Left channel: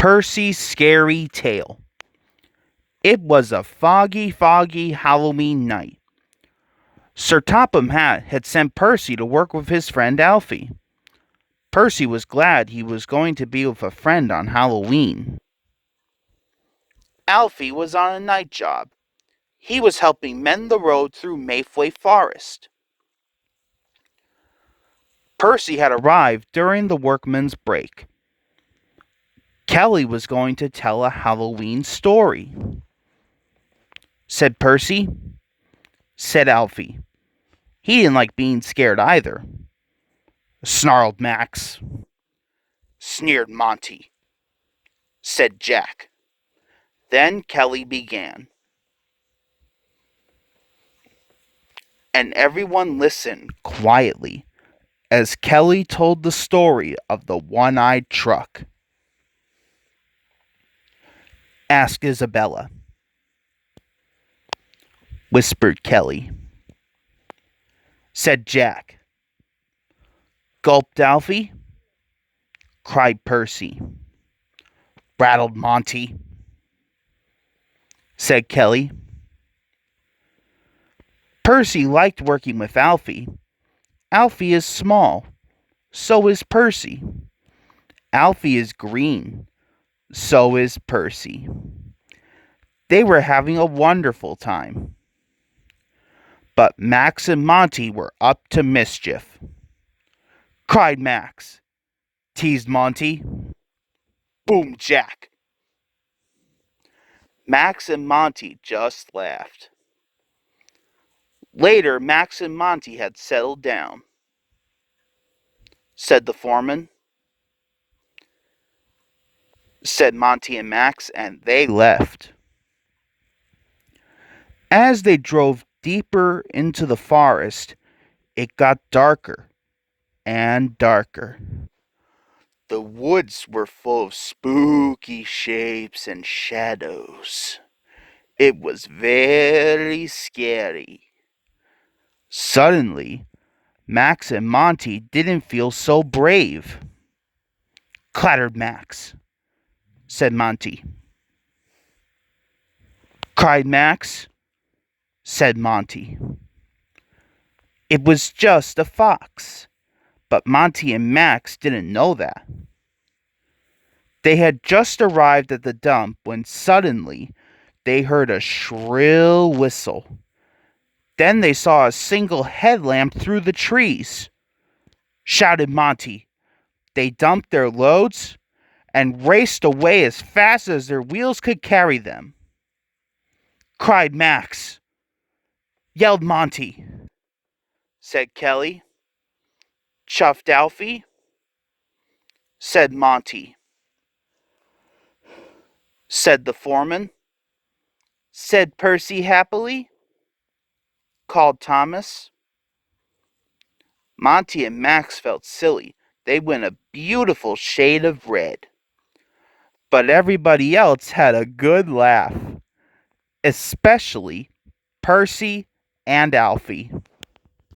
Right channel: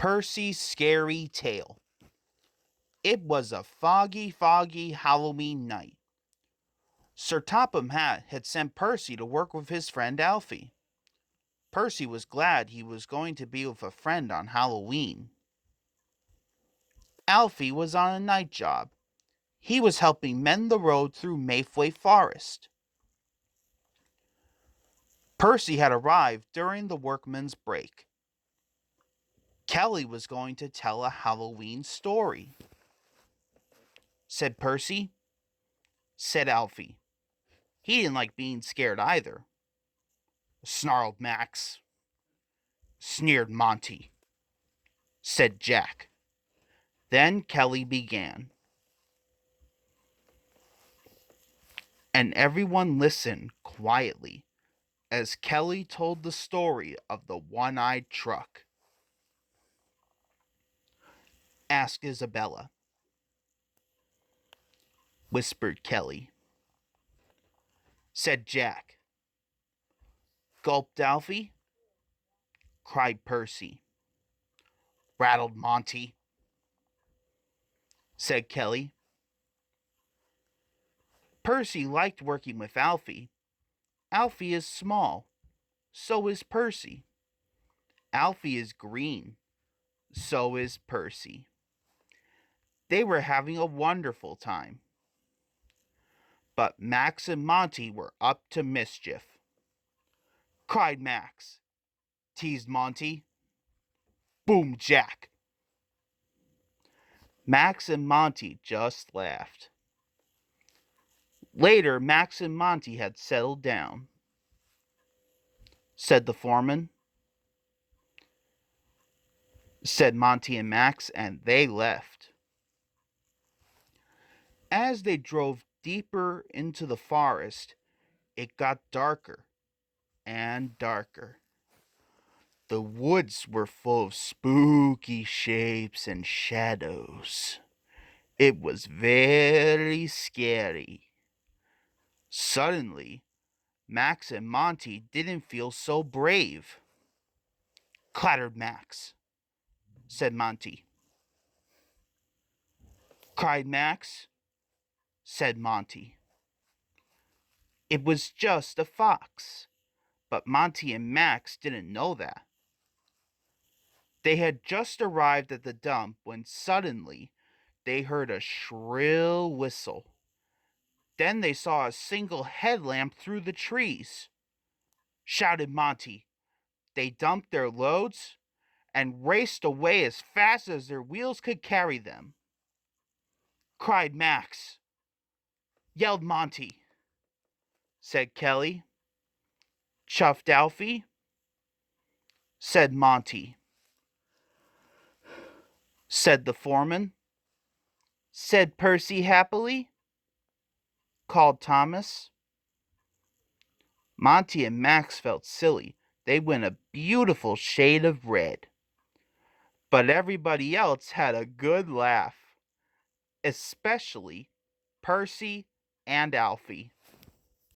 Percy's Scary Tale. It was a foggy Halloween night. Sir Topham Hatt had sent Percy to work with his friend Alfie. Percy was glad he was going to be with a friend on Halloween. Alfie was on a night job. He was helping mend the road through Mayflay Forest. Percy had arrived during the workman's break. Kelly was going to tell a Halloween story. Said Percy. Said Alfie. He didn't like being scared either. Snarled Max. Sneered Monty. Said Jack. Then Kelly began. And everyone listened quietly as Kelly told the story of the one-eyed truck. Ask Isabella, whispered Kelly. Said Jack. Gulped Alfie. Cried Percy. Rattled Monty. Said Kelly. Percy liked working with Alfie. Alfie is small, so is Percy. Alfie is green, so is Percy. They were having a wonderful time. But Max and Monty were up to mischief. Cried Max. Teased Monty. Boom, Jack. Max and Monty just laughed. Later, Max and Monty had settled down. Said the foreman. Said Monty and Max, and they left. As they drove deeper into the forest, it got darker and darker. The woods were full of spooky shapes and shadows. It was very scary. Suddenly, Max and Monty didn't feel so brave. Clattered Max. Said Monty. Cried Max. Said Monty. It was just a fox, but Monty and Max didn't know that. They had just arrived at the dump when suddenly they heard a shrill whistle. Then they saw a single headlamp through the trees. Shouted Monty. They dumped their loads and raced away as fast as their wheels could carry them. Cried Max. Yelled Monty. Said Kelly. Chuffed Alfie. Said Monty. Said the foreman. Said Percy happily. Called Thomas. Monty and Max felt silly. They went a beautiful shade of red. But everybody else had a good laugh, especially Percy and Alfie.